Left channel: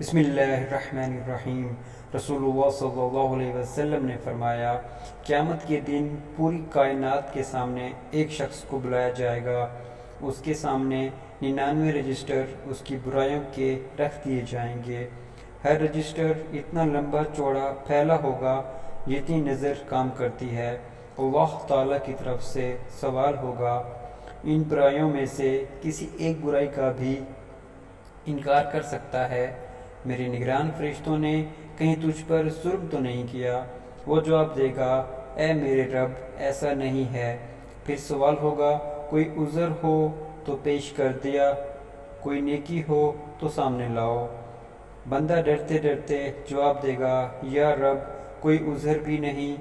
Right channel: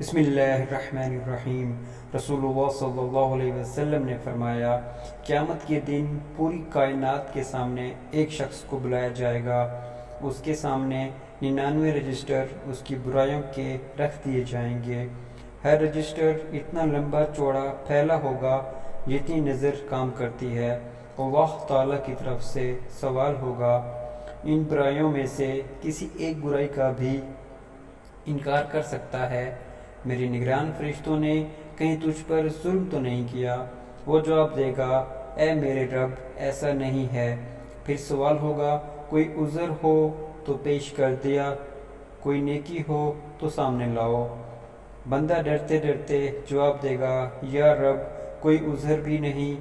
بسم اللہ الرحمن الرحیم۔ رسول اللہ صلی اللہ علیہ وسلم نے فرمایا، قیامت کے دن پوری کائنات کے سامنے ایک شخص کو بلایا جائے گا۔ اس کے سامنے 99 رجسٹر اس کی برائیوں کے رکھ دیے جائیں گے۔ ہر رجسٹر اتنا لمبا چوڑا پھیلا ہوگا جتنی نظر کام کرتی ہے۔ اللہ تعالیٰ کی طرف سے سوال ہوگا، ان برائیوں میں سے کسی ایک برائی کا بھی انکار کر سکتا ہے؟ میرے نگران فرشتوں نے کہیں تجھ پر ظلم تو نہیں کیا؟ وہ جواب دے گا، اے میرے رب، ایسا نہیں ہے۔ پھر سوال ہوگا، کوئی عذر ہو تو پیش کر دیا، کوئی نیکی ہو تو سامنے لاؤ۔ بندہ ڈرتے ڈرتے جواب دے گا، یا رب، کوئی عذر بھی نہیں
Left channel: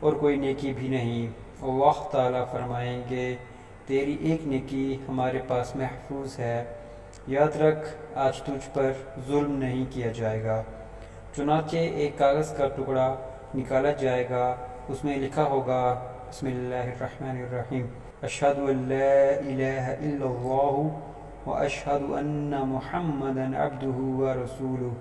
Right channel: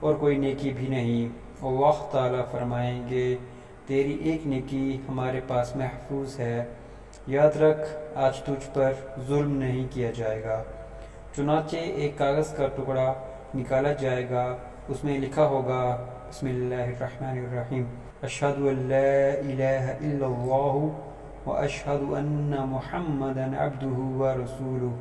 اور کوئی نیکی بھی نہیں۔ اللہ تعالیٰ فرمائیں گے، تیری ایک نیکی ہمارے پاس محفوظ ہے، یاد رکھ آج تجھ پر ظلم نہیں کیا جائے گا۔ چنانچہ ایک کاغذ کا ٹکڑا نکالا جائے گا، اس میں لکھا ہوگا، بسم اللہ الرحمن الرحیم، اشہد ان لا الہ الا اللہ واشہد ان محمدا عبدہ ورسولہ۔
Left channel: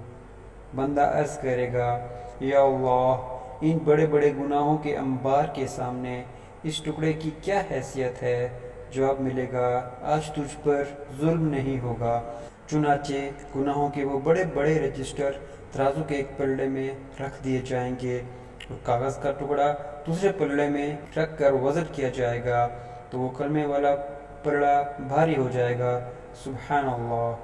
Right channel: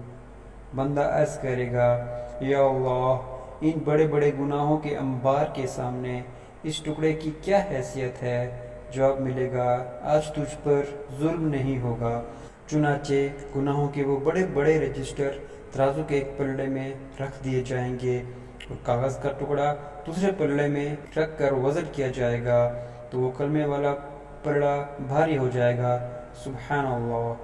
بندہ عرض کرے گا، یا اللہ، ان بڑے بڑے گناہوں کے انبار کے سامنے اس ٹکڑے کی کیا حیثیت ہے؟ جواب ملے گا، آج تجھ پر ظلم نہیں ہوگا۔ چنانچہ گناہوں کے وہ بڑے بڑے رجسٹر ترازو کے ایک پلڑے میں رکھ دیے جائیں گے اور کاغذ کا ٹکڑا دوسرے پلڑے میں رکھ کر وزن کیا جائے گا تو وہ کلمے والا پلڑا بھاری ہو جائے گا۔ سبحان اللہ۔